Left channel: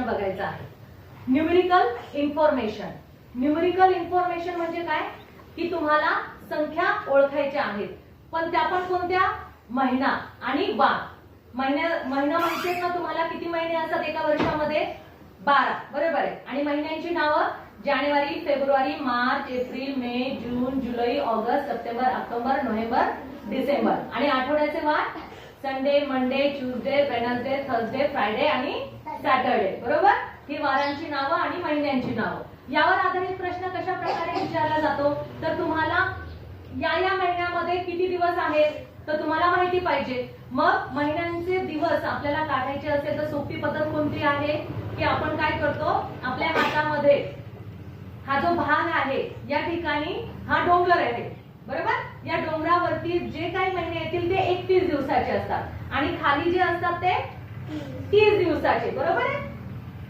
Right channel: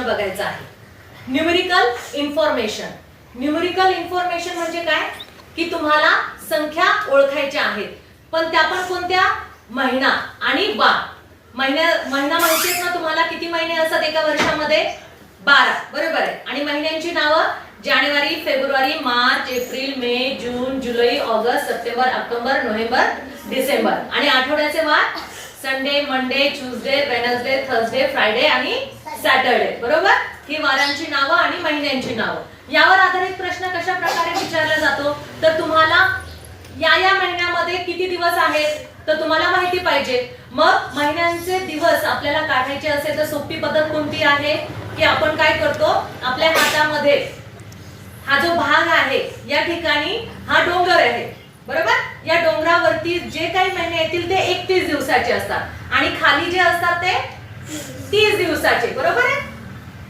प्रश्न बघायचा आहे. Numerical information. न्यूमेरिकल इन्फॉर्मेशन म्हणजे काय की तुम्हाला संख्या ओळखायच्या आहेत, पण त्या पण कोणत्या? महिना आणि वार. महिना माहिती आहेत ना तुम्हाला? किती महिने असतात एका वर्षामध्ये? 12. बरोबर आहे. आणि महिन्यांची नावं जानेवारी, फेब्रुवारी, मार्च, एप्रिल, मे, जून, जुलै, ऑगस्ट, सप्टेंबर, ऑक्टोबर, नोव्हेंबर, डिसेंबर. आणि आठवड्याचे वार Sunday, Monday, Tuesday, Wednesday, Thursday, Friday आणि सॅटरडे. बरोबर? ही वारांची नावं आणि महिन्यांची नावं. यावर आधारित प्रश्न कशा प्रकारे विचारला जातो? तर तुम्हाला या महिन्यामध्ये किती दिवस आहेत तर तुम्हाला माहिती पाहिजे. मग महिन्यांचे दिवस आपल्याला काढायचे असेल तर सोपी पद्धत कोणती आहे की आपण काय करतो, आपल्या हातामध्ये हा जो भाग आहे या ठिकाणी हा डोंगर आहे. बरोबर? या डोंगरावरती जे काही महिने येतील ते 31 दिवसाचे असतात आणि खाली जे असतात ते 30 दिवसाचे. बरोबर आहे?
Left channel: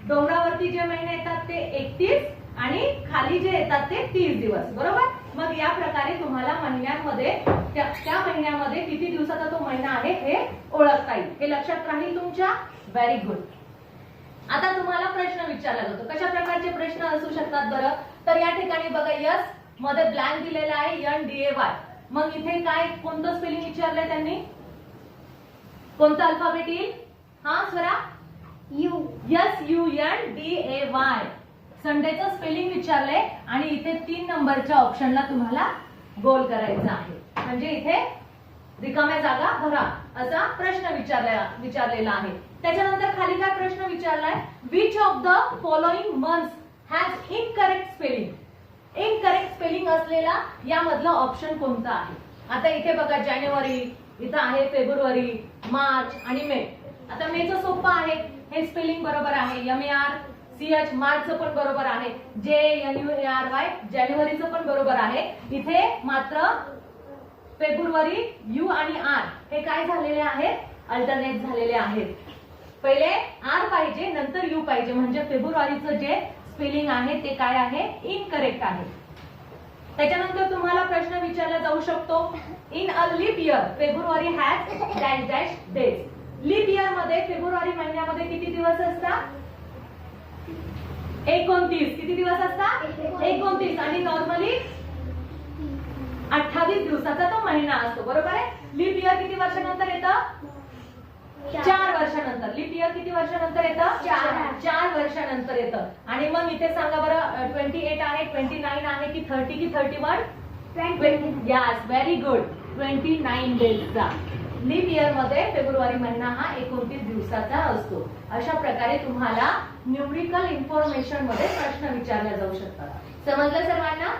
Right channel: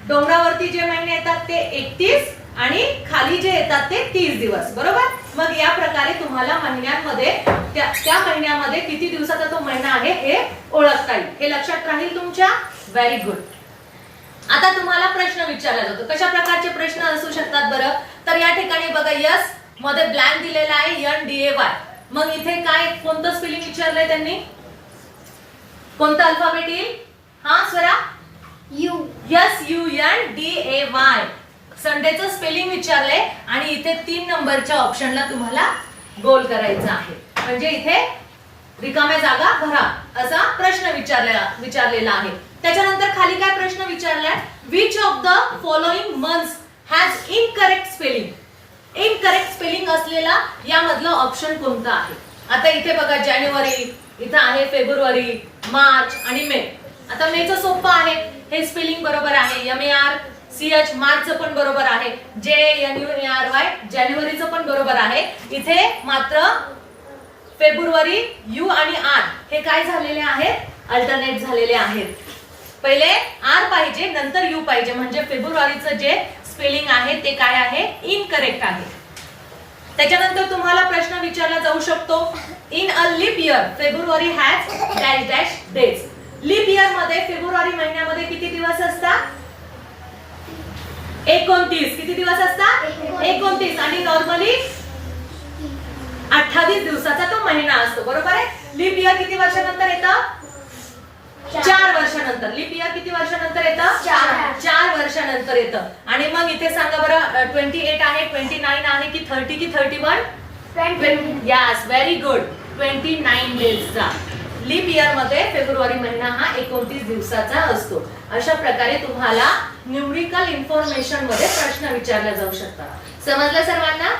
डोंगरावरती जे महिने येतात ते 31 आणि खाली जे येतात ते 30 दिवस. बरोबर? मग या प्रकारे तुम्हाला महिन्यांमध्ये त्या महिन्यामध्ये किती दिवसाचा तो महिना आहे हे ओळखता येईल. हे लक्षात राहील तुमच्या? Very good. आता तुम्हाला प्रश्न विचारला जातो. कशा प्रकारचे प्रश्न असू शकतात बरं? तर या ठिकाणी बघा यस मध्ये ब्लँक दिलेला आहे NDAY. मग इथे काय कोणतं स्पेलिंग विचारलंय त्यांनी? कोणता अल्फाबेट येईल? हा स्वरा? यू. SUNDAY. संडेचं स्पेलिंग विचारलंय आणि इथे 3 नंबरच्या ऑप्शनला तुम्हाला गोल करायचा आहे. म्हणजे इथे रिकाम्या जागा भरा असा प्रश्न विचारलेला आहे. त्याच्यानंतर खाली काय प्रश्न विचारलाय? Which of the following months has incorrect spelling. Incorrect spelling असलेला यामधलं ऑप्शन कोणतं आहे? आता इथे बघा जानेवारी, इथं आहे फेब्रुवारी, मार्च आणि मे. आता मेचं सोपं आहे, हे स्पेलिंग बरोबर आहे. MARCH मार्चचं पण बरोबर आहे. JANUARY जानेवारीचं पण बरोबर आहे. इथे मात्र फेब्रुवारी यू आणि आर हे काय झालेले आहेत? अल्टरनेट झालेले आहेत. पहिले आर पाहिजे नंतर यू पाहिजे, म्हणजे फेब्रुवारीचं जे स्पेलिंग आहे ते काय आहे? इनकरेक्ट आहे. त्याच्यानंतर तुम्हाला प्रश्न विचारला जाऊ शकतो. In a leap year February has dash dash days. Leap year मध्ये फेब्रुवारी महिन्यामध्ये किती दिवस असतात? 29. किती दिवस असतात? 29. आणि नॉर्मली 28 दिवसाचा तो महिना असतो. बरोबर आहे? लीप इयर किती वर्षानंतर येतं? 4 वर्षानंतर. लीप इयर किती वर्षानंतर येतं? 4 वर्षानंतर येतं. आणि मग इथे सांगा बरं 28 आहे, 29 आहे की 30 की 31? 20. Yes, very good. 29 डेजचा. लीप इयर मध्ये फेब्रुवारी महिना हा 29 दिवसाचा असतो. अशा प्रकारे तुम्हाला न्यूमेरिकल इन्फॉर्मेशन मध्ये प्रश्न विचारले जाऊ शकतात. समजलं सर्वांना?